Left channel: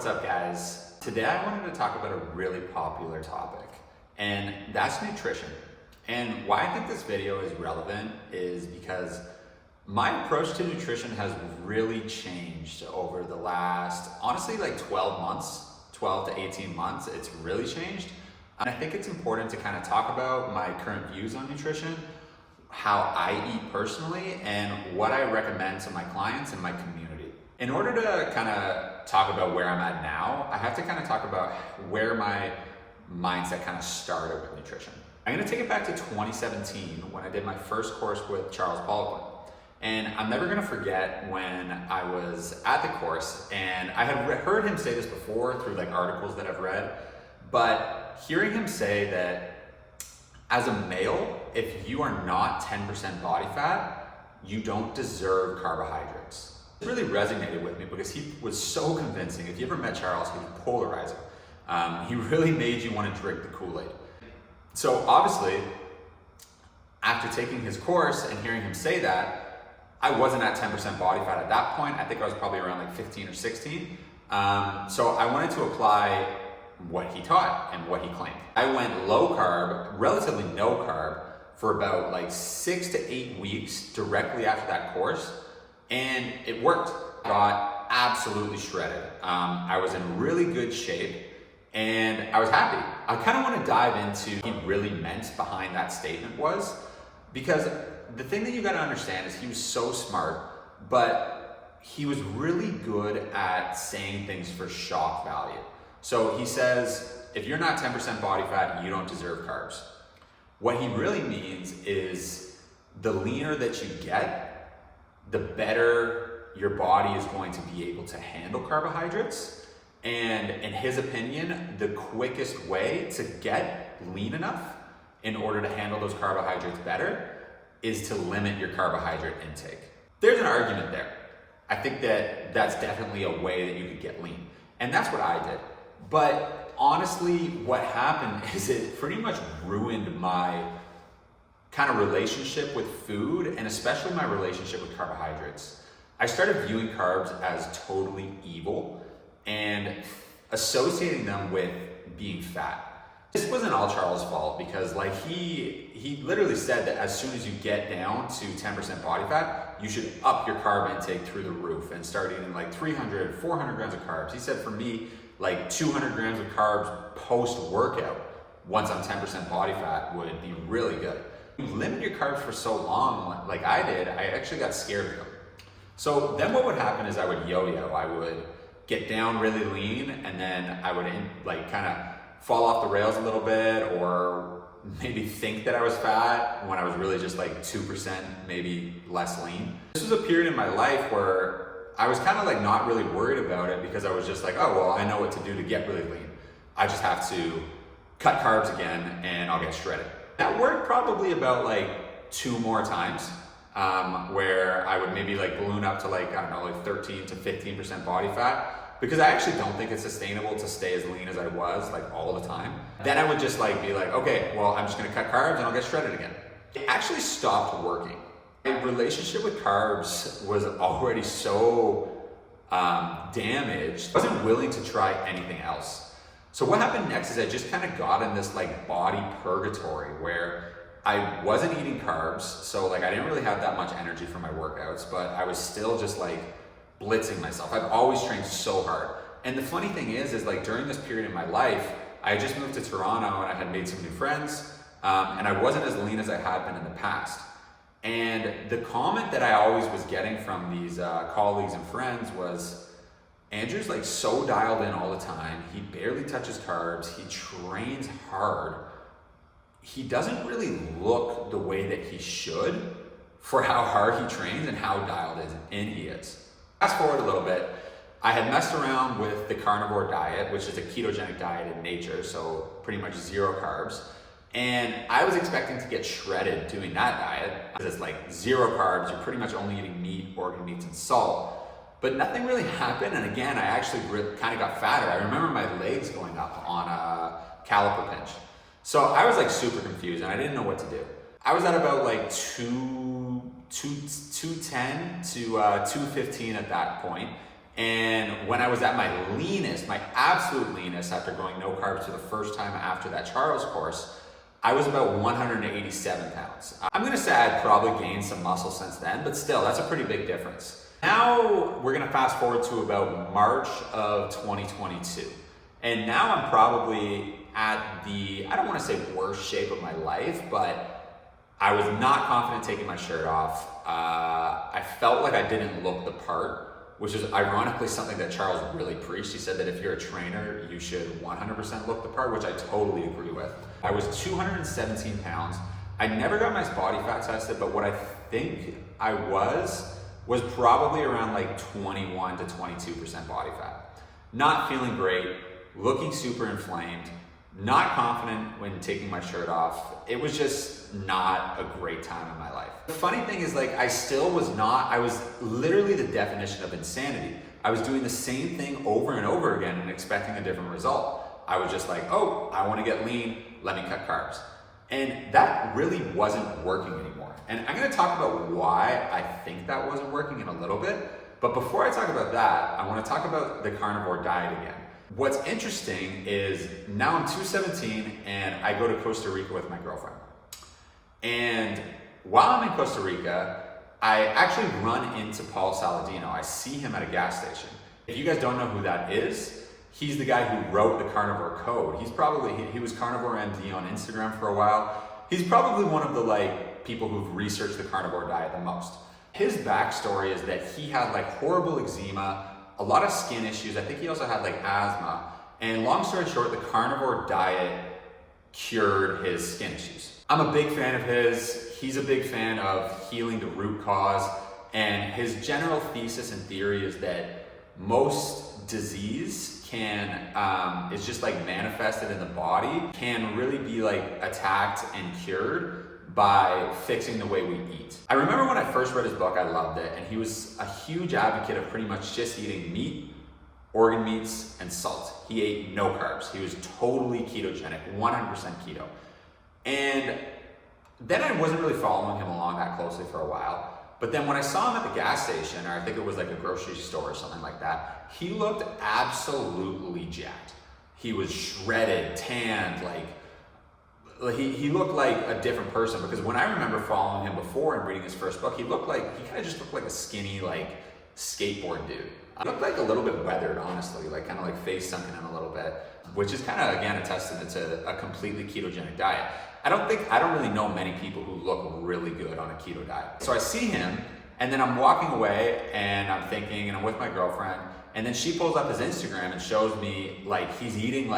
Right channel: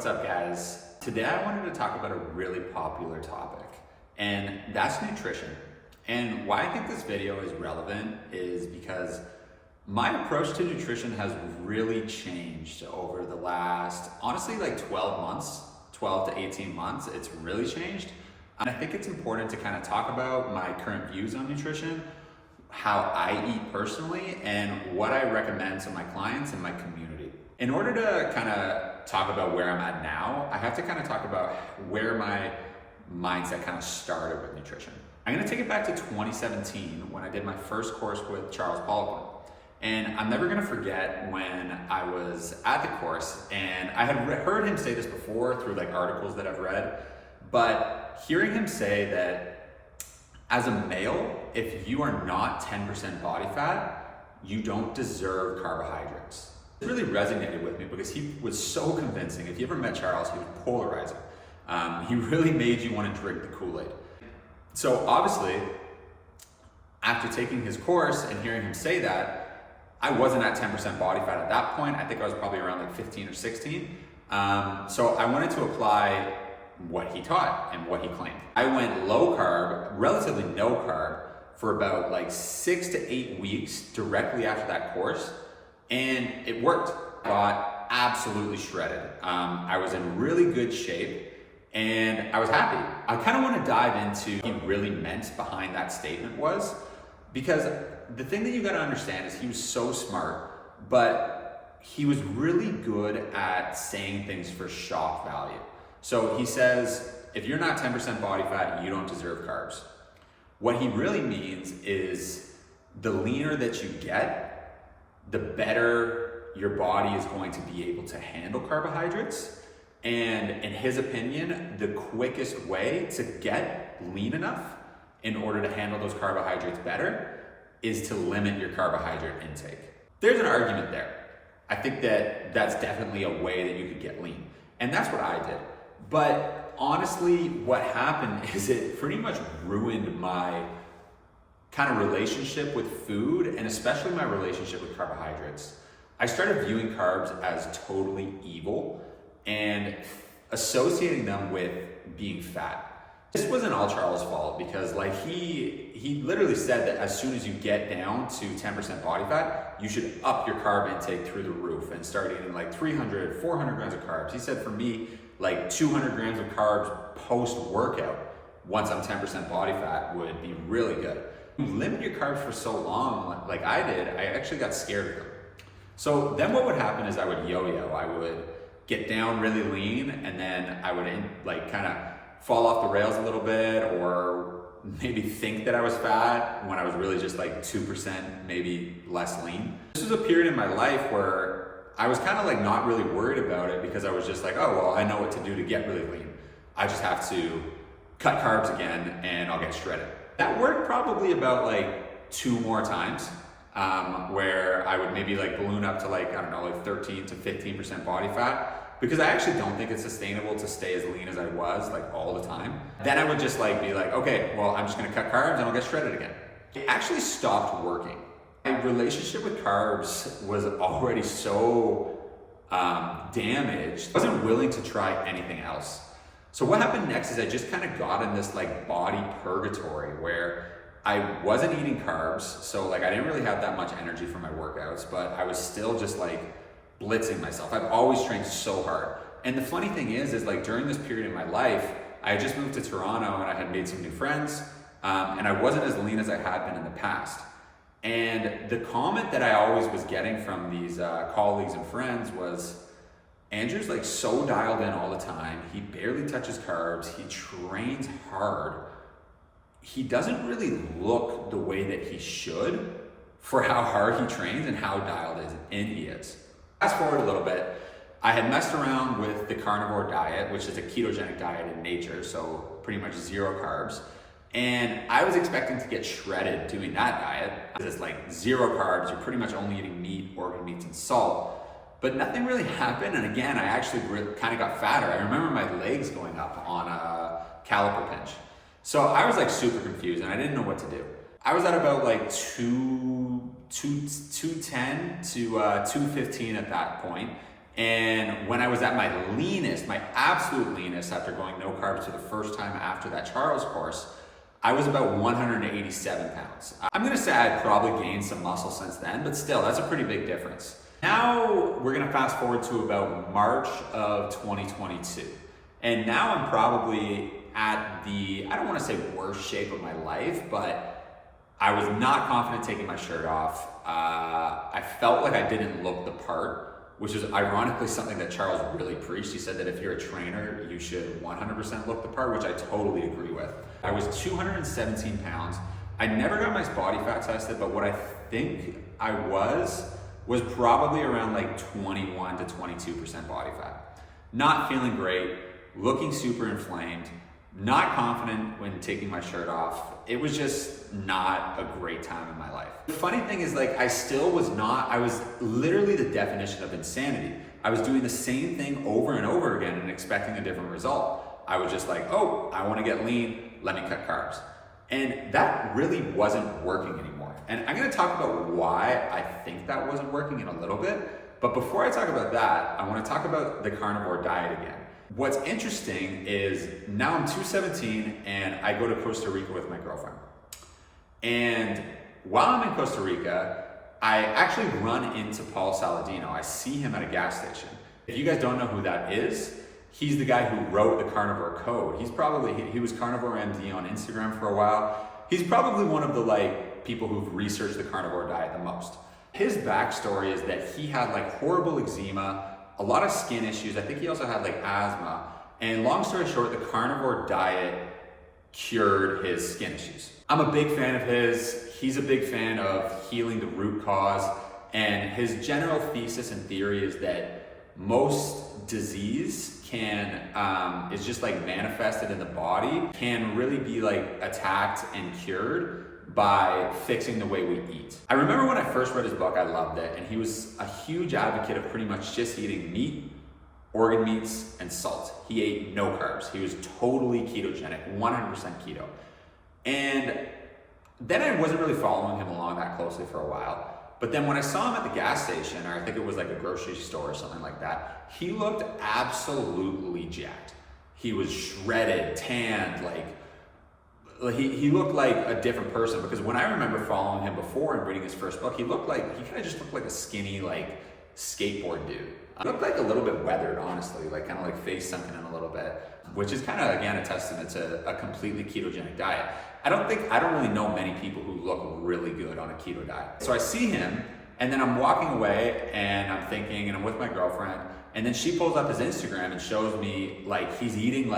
What's up, guys? Today I wanted to talk about a really popular topic, and that's nutrition. And why I think this video is relevant is because my approach to nutrition has really changed over the last, honestly, like 12 months, 12 to 18 months. It's really changed. And I think it's important to kind of talk about my current views on nutrition, how I eat personally, and what I recommend to my clients and my community. In order to kind of talk about where I'm at now, I have to kind of talk about where my mindset kind of started with nutrition. I'm gonna take it back to 2017 when I did my first course with Charles Poliquin. And I'm never gonna forget when I was at the course, and I had heard him say this before through like articles that I've read, but hearing him say that as a male, if you are not 10% body fat, you don't deserve carbohydrates. It really resonated with me because he was so convincing. If you ever met Charles, he was polarizing. He really made you want to drink the Kool-Aid. So obviously, after taking his course and hearing him say that, I wasn't at 10% body fat at that point. I think I was probably around like 15 or 16. So I wanted to apply what he taught and what he claimed. I went low carb, relatively no carb, for about like 6 to 8 weeks directly after that course. And it worked. I got absolutely shredded. I was in really good shape and I was happy. I kind of want to dive into what he really meant behind that statement was, because the thing that you got to understand is he was so smart, but he was really good at saying things for shock value. So he says, if you're not 10% body fat, you don't deserve carbs. What he really means is the leaner that you get, the better your body is going to be able to handle carbohydrates. And in his opinion, the quickest way to get lean enough in order to handle those carbohydrates better is to limit your carbohydrate intake. There's an argument there. I think that that's definitely a way that you could get lean. And that's what I did. But honestly, what happened is it pretty much ruined my kind of relationship with food, and especially my relationship with carbohydrates. I started viewing carbs as totally evil and associating them with being fat. This wasn't all Charles' fault, because like he literally said that as soon as you get down to 10% body fat, you should up your carb intake through the roof and start eating like 300, 400 grams of carbs. He said for me, like 200 grams of carbs post-workout, once I'm 10% body fat, would be really good. You limit your carbs for so long, like I did, I actually got scared of them. So then what would happen is I would yo-yo. I would get down really lean, and then I would like kind of fall off the rails a little bit, or maybe think that I was fat when I was really just like 2%, maybe less lean. This was a period in my life where I was kind of like not really worried about it, because I was just like, oh, well, I know what to do to get really lean. I just have to cut carbs again and I'll get shredded. That worked probably about like 2 more times, where I would maybe like balloon up to like, I don't know, like 13 to 15% body fat, because I actually don't think it's sustainable to stay as lean as I was like all the time. Then I would just like be like, okay, well, I'm just gonna cut carbs and I'll get shredded again. It actually stopped working. My relationship with carbs was already so damaged, I wasn't willing to try anything else. So what happened next is I just kind of got in this like body purgatory where I wasn't eating carbs. So like I didn't really have that much energy for my workouts, but I was still just like blitzing myself. I've always trained so hard. And the funny thing is like during this period in my life, I had just moved to Toronto and I had made some new friends, and I wasn't as lean as I had been in the past. And the comment that I always was getting from these colleagues and friends was, Andrew's like so dialed in all the time. He barely touches carbs. He trains hard. He doesn't really look the way that he should for how hard he trains and how dialed in he is. Fast forward a little bit, I had messed around with the carnivore diet, which is a ketogenic diet in nature, so pretty much 0 carbs. And I was expecting to get shredded doing that diet, because it's like 0 carbs, you're pretty much only eating meat, organ meats, and salt. But nothing really happened, and again, I actually kind of got fatter. I remember my legs going up on a caliper pinch. So I was like super confused, and I didn't know what to do. I was at about like 210 to 215 at that point, And when I was at my leanest, my absolute leanest, after going no carbs for the first time after that Charles course, I was about 187 pounds. I'm gonna say I'd probably gained some muscle since then, but still, that's a pretty big difference. Now we're gonna fast forward to about March of 2022. And now I'm probably at the, I don't wanna say worst shape of my life, but I was not confident taking my shirt off. I felt like I didn't look the part, which is ironically something that Charles really preached. He said that if you're a trainer, you should 100% look the part, which I totally agree with. I was 217 pounds. I never got my body fat tested, but what I think I was probably around like 21 to 22% body fat. Not feeling great, looking super inflamed, not confident when taking my shirt off. It was just not a great time in my life. The funny thing is, like, I was literally the definition of insanity. I was doing the same thing over and over again and expecting a different result. I was just like, oh, I want to get lean, let me cut carbs. And that really wasn't working anymore. And I'm gonna talk about why I think that wasn't working in a little bit. But before I talk about that, I wanna talk about the carnivore diet again. What's interesting is now I'm 217 and I go to Costa Rica with my girlfriend. And while I'm in Costa Rica, I actually run into Paul Saladino. I see him at a gas station. If you guys don't know who that is, he's the guy who wrote the Carnivore Code. He was Carnivore MD on Instagram for a while. He's probably one of the people who've researched the carnivore diet the most. His backstory is that he had horrible eczema, a lot of skin issues. I think he also had asthma. And long story short, the carnivore diet cured his skin issues. I'm a big fan of his. He's a big fan of healing the root cause. And his general thesis and theory is that most disease is just manifested in the body, can really be attacked and cured by fixing the way we eat. I remember when I first read his book, I loved it, and he was a huge advocate of pretty much just eating meat, organ meats, and salt. He ate no carbs. He was totally ketogenic, 100% keto. And then I wasn't really following him along that closely for a while. But then when I saw him at the gas station, or I think it was a grocery store or something like that, he looked absolutely jacked. He was shredded, tanned, he looked like a different person, because when I remember following him before and reading his first book, he kind of just looked like a skinny, skateboard dude. He looked a little bit weathered, honestly, face sunken in a little bit, which is kind of, again, a testament to a completely ketogenic diet. I don't really know many people who look really good on a keto diet. So I see him, and then I'm walking away, and I'm thinking, and I'm with my girlfriend, and then she pulls up his Instagram and shows me he's eating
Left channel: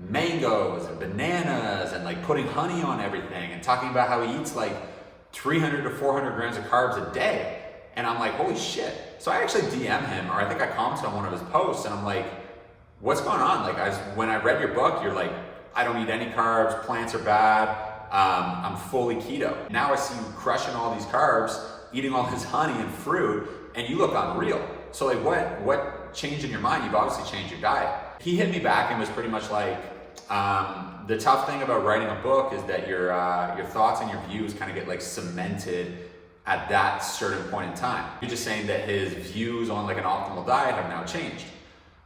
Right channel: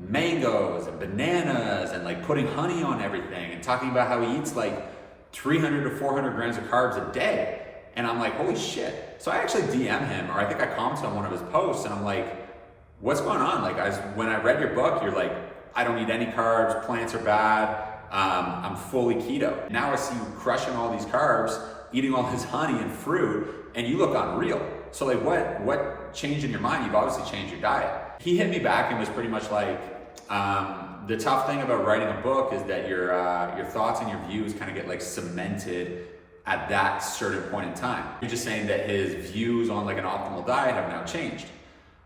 mangoes and bananas and putting honey on everything and talking about how he eats 300 to 400 grams of carbs a day. And I'm like, holy shit. So I actually DM him, or I think I commented on one of his posts, and I'm like, what's going on? When I read your book, you're like, I don't eat any carbs, plants are bad, I'm fully keto. Now I see you crushing all these carbs, eating all this honey and fruit, and you look unreal. So what changed in your mind? You've obviously changed your diet. He hit me back and was pretty much the tough thing about writing a book is that your thoughts and your views kind of get cemented at that certain point in time. You're just saying that his views on an optimal diet have now changed.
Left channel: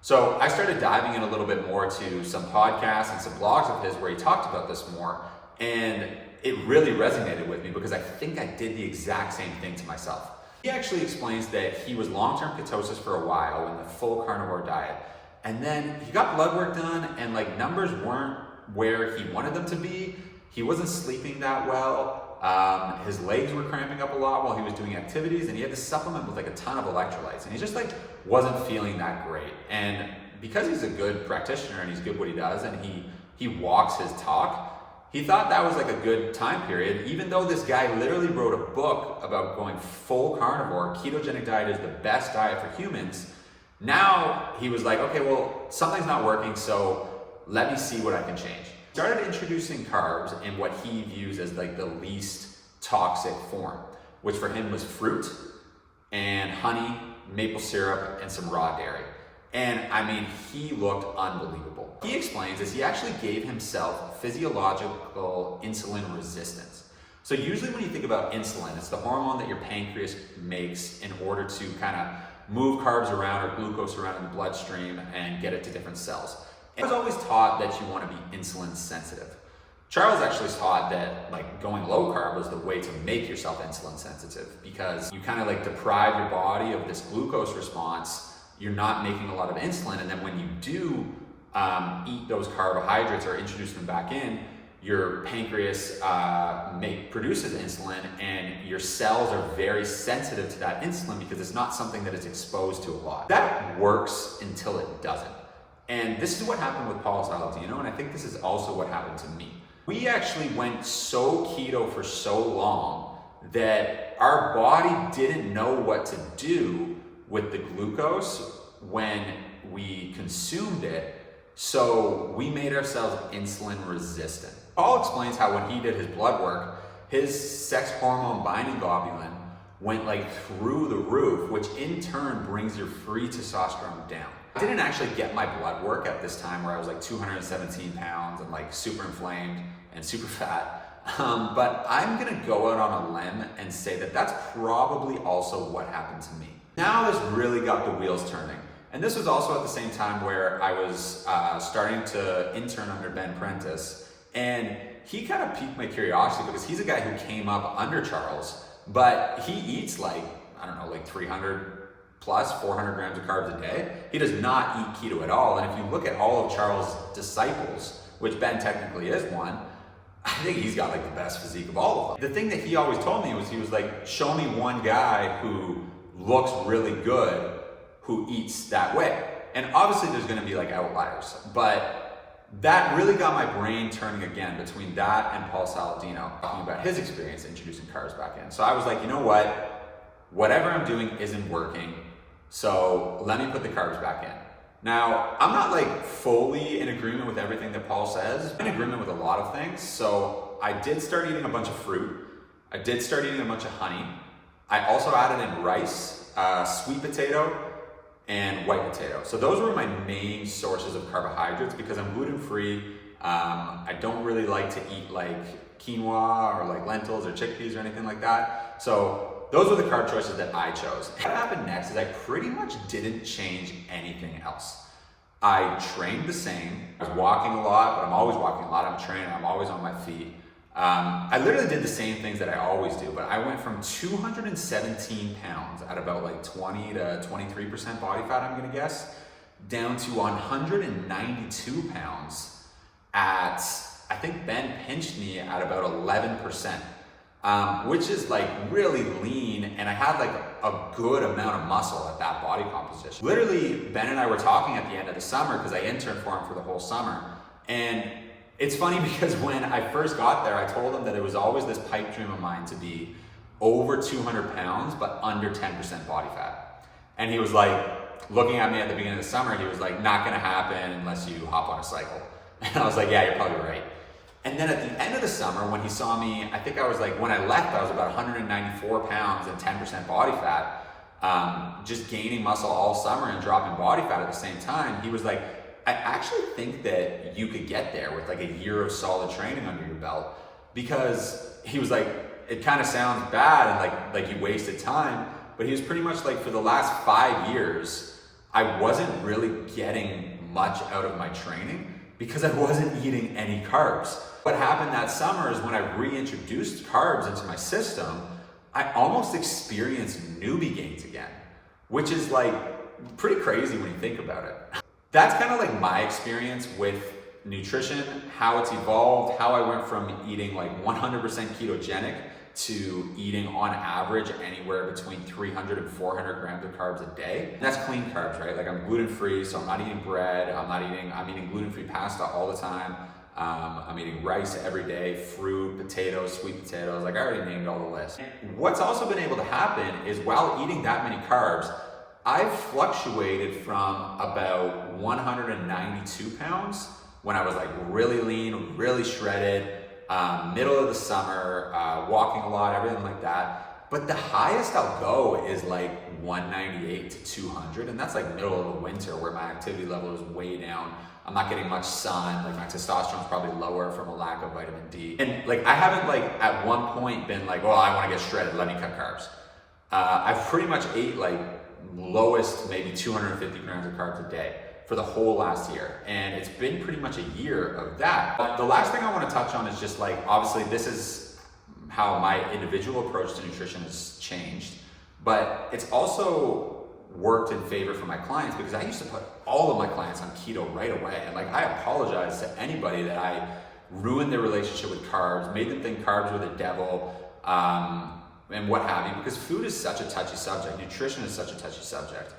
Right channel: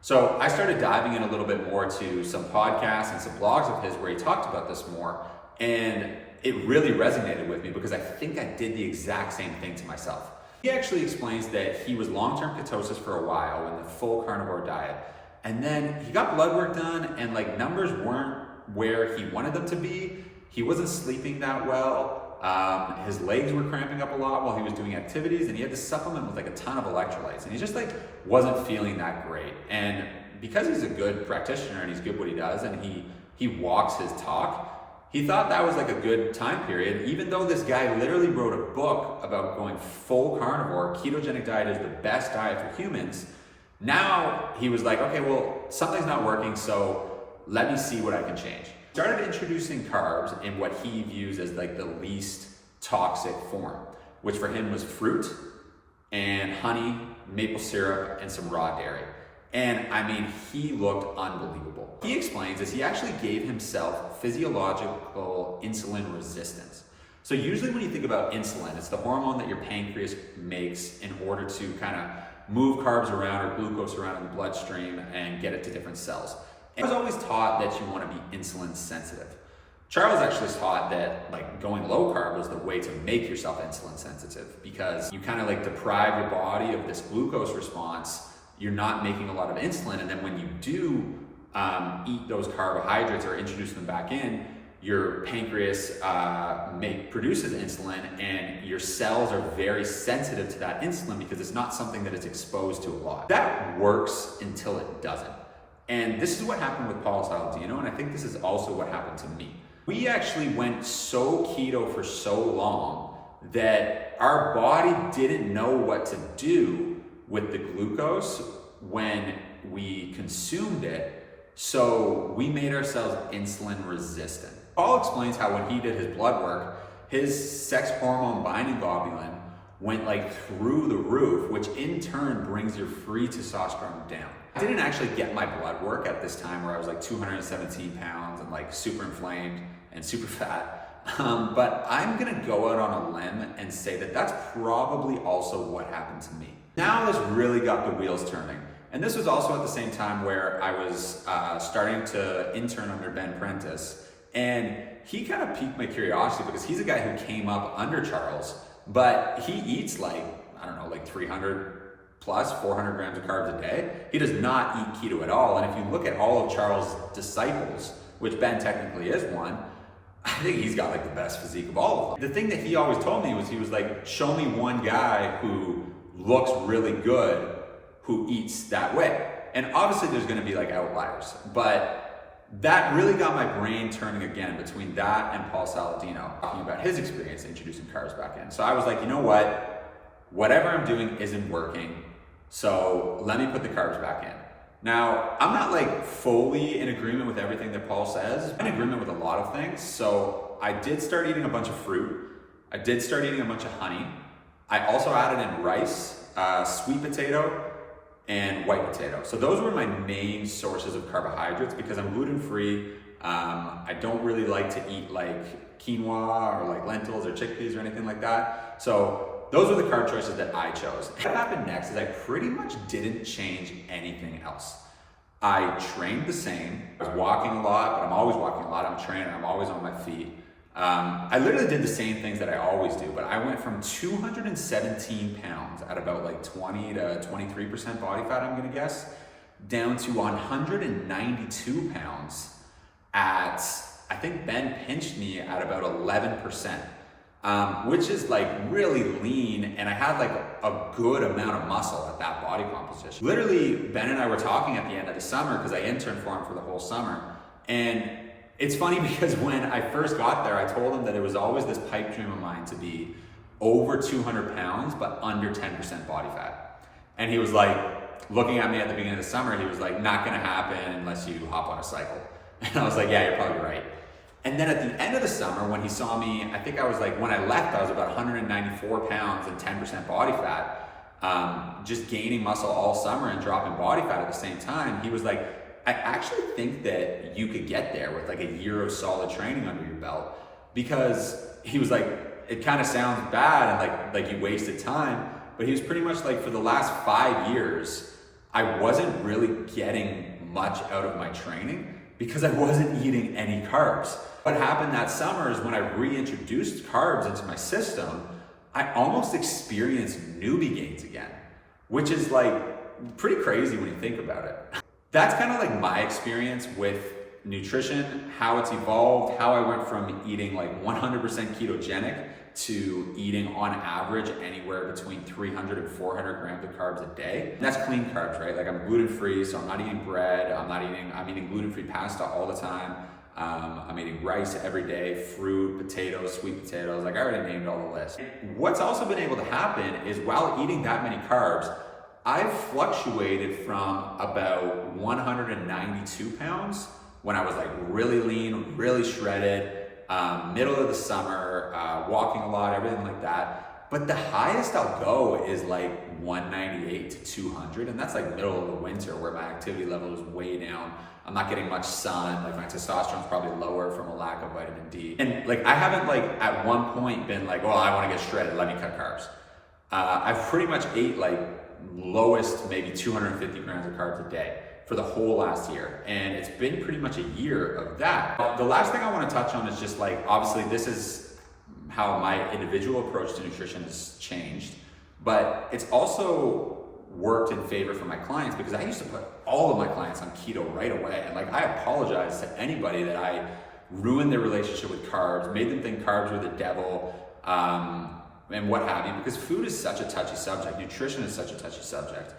So I started diving in a little bit more to some podcasts and some blogs of his where he talked about this more, and it really resonated with me because I think I did the exact same thing to myself. He actually explains that he was long-term ketosis for a while in the full carnivore diet, and then he got blood work done, and numbers weren't where he wanted them to be. He wasn't sleeping that well. His legs were cramping up a lot while he was doing activities, and he had to supplement with a ton of electrolytes, and he just wasn't feeling that great. And because he's a good practitioner and he's good at what he does, and he walks his talk, he thought that was a good time period, even though this guy literally wrote a book about going full carnivore. Ketogenic diet is the best diet for humans. Now he was like, okay, well, something's not working, so let me see what I can change. Started introducing carbs in what he views as the least toxic form, which for him was fruit and honey, maple syrup, and some raw dairy. And I mean, he looked unbelievable. He explains this, he actually gave himself physiological insulin resistance. So usually when you think about insulin, it's the hormone that your pancreas makes in order to kind of move carbs around or glucose around in the bloodstream and get it to different cells. And I was always taught that you want to be insulin sensitive. Charles actually taught that like going low carb was the way to make yourself insulin sensitive, because you kind of like deprive your body of this glucose response. You're not making a lot of insulin, and then when you do eat those carbohydrates or introduce them back in, your pancreas produces insulin, and your cells are very sensitive to that insulin because it's not something that is exposed to a lot. That works until it doesn't. And this is what happened with Paul Saladino, and I think this is also what happened to me. We actually went so keto for so long that our body didn't know what to do with the glucose when we consumed it, so we made ourselves insulin resistant. Paul explains how when he did his blood work, his sex hormone binding globulin went like through the roof, which in turn brings your free testosterone down. I didn't actually get my blood work at this time where I was like 217 pounds and like super inflamed and super fat. But I'm gonna go out on a limb and say that that's probably also what happened to me. Now this really got the wheels turning. And this was also at the same time where I was starting to intern under Ben Prentice. And he kind of piqued my curiosity because he's a guy who came up under Charles, but he eats like, I don't know, like 300 plus 400 grams of carbs a day. He does not eat keto at all. And if you look at all of Charles' disciples, which Ben technically is one, I think he's got like the best physique of all of them. The thing that he always told me was, he was like, show me one guy who looks really good who eats that way. And obviously there's gonna be like outliers, but that really got my brain turning again between that and Paul Saladino, talking about his experience introducing carbs back in. So I was like, you know what? Whatever I'm doing isn't working, so let me put the carbs back in. Now, I'm not like fully in agreement with everything that Paul says. I'm in agreement with a lot of things. So I did start eating a bunch of fruit. I did start eating a bunch of honey. I also added in rice, sweet potato, and white potato. So those were my main sources of carbohydrates because I'm gluten-free. I don't really like to eat like quinoa or like lentils or chickpeas or anything like that. So those were the carb choices that I chose. What happened next is I pretty much didn't change anything else. I trained the same. I was walking a lot, but I'm always walking a lot. I'm training, I'm always on my feet. I literally did the same things that I always do, but I went from 217 pounds at about like 20 to 23% body fat, I'm gonna guess, down to 192 pounds at, I think Ben pinched me at about 11%. Which is like really lean, and I had like a good amount of muscle at that body composition. Literally, Ben and I were talking at the end of the summer because I interned for him for the whole summer. And it's funny because when I first got there, I told him that it was always this pipe dream of mine to be over 200 pounds, but under 10% body fat. And he was like, looking at me at the beginning of the summer, he was like, not gonna happen unless you hop on a cycle. And I was like, yeah, you're probably right. And then at the end of the summer, when he saw me, I think I was like, when I left, I was about 194 pounds and 10% body fat, just gaining muscle all summer and dropping body fat at the same time. He was like, I actually think that you could get there with like a year of solid training under your belt, because he was like, it kind of sounds bad and like you wasted time, but he was pretty much like, for the last 5 years, I wasn't really getting much out of my training because I wasn't eating any carbs. What happened that summer is when I reintroduced carbs into my system, I almost experienced newbie gains again, which is like pretty crazy when you think about it. That's kind of like my experience with nutrition, how it's evolved, how I went from eating like 100% ketogenic to eating on average anywhere between 300 and 400 grams of carbs a day. And that's clean carbs, right? Like I'm gluten-free, so I'm not eating bread, I'm eating gluten-free pasta all the time. I'm eating rice every day, fruit, potatoes, sweet potatoes, like I already named all the list. What's also been able to happen is while eating that many carbs, I've fluctuated from about 192 pounds when I was like really lean, really shredded, middle of the summer, walking a lot, everything like that. But the highest I'll go is like 198 to 200, and that's like middle of the winter where my activity level is way down. I'm not getting much sun, like my testosterone's probably lower from a lack of vitamin D. And like I haven't like at one point been like, well, I wanna get shredded, let me cut carbs. I've pretty much ate like lowest maybe 250 grams of carbs a day for the whole last year. And it's been pretty much a year of that. But the last thing I want to touch on is just like, obviously this is how my individual approach to nutrition has changed, but it's also worked in favor for my clients, because I used to put all of my clients on keto right away. And like, I apologize to anybody that I ruined their relationship with carbs, made them think carbs were the devil, and what have you, because food is such a touchy subject. Nutrition is such a touchy subject.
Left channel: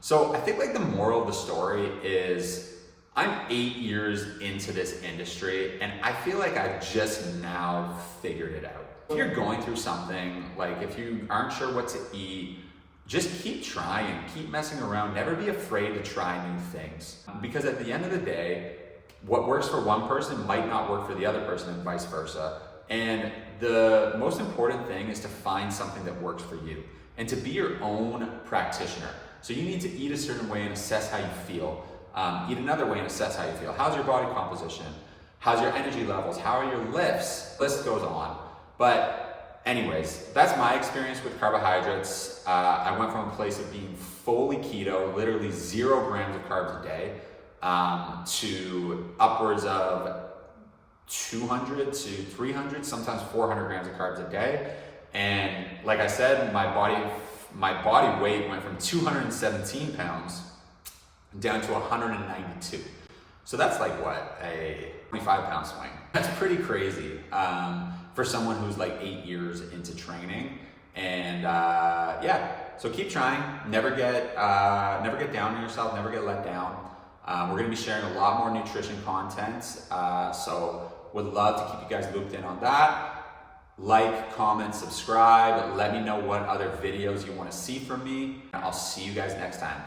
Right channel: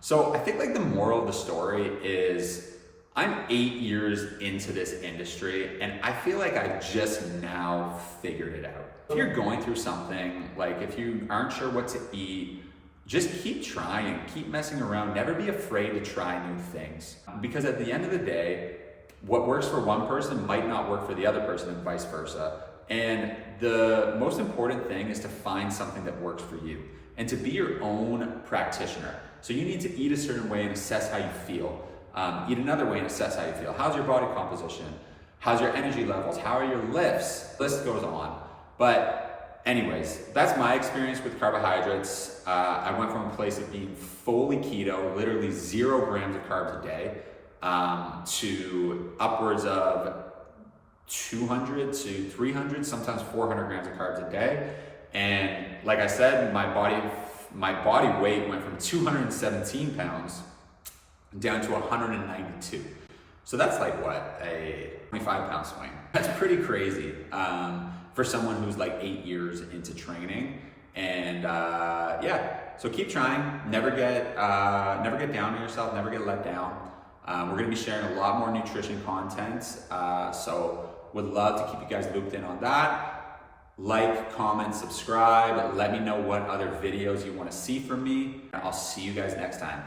So I think like the moral of the story is, I'm 8 years into this industry and I feel like I just now figured it out. If you're going through something, like if you aren't sure what to eat, just keep trying, keep messing around, never be afraid to try new things. Because at the end of the day, what works for one person might not work for the other person, and vice versa. And the most important thing is to find something that works for you and to be your own practitioner. So you need to eat a certain way and assess how you feel. Eat another way and assess how you feel. How's your body composition? How's your energy levels? How are your lifts? The list goes on. But anyways, that's my experience with carbohydrates. I went from a place of being fully keto, literally 0 grams of carbs a day, to upwards of 200 to 300, sometimes 400 grams of carbs a day. And like I said, my body weight went from 217 pounds down to 192. So that's like what, a 25-pound swing. That's pretty crazy for someone who's like 8 years into training. And yeah, so keep trying. Never get down on yourself. Never get let down. We're gonna be sharing a lot more nutrition content. So would love to keep you guys looped in on that. Like, comment, subscribe. Let me know what other videos you want to see from me. And I'll see you guys next time.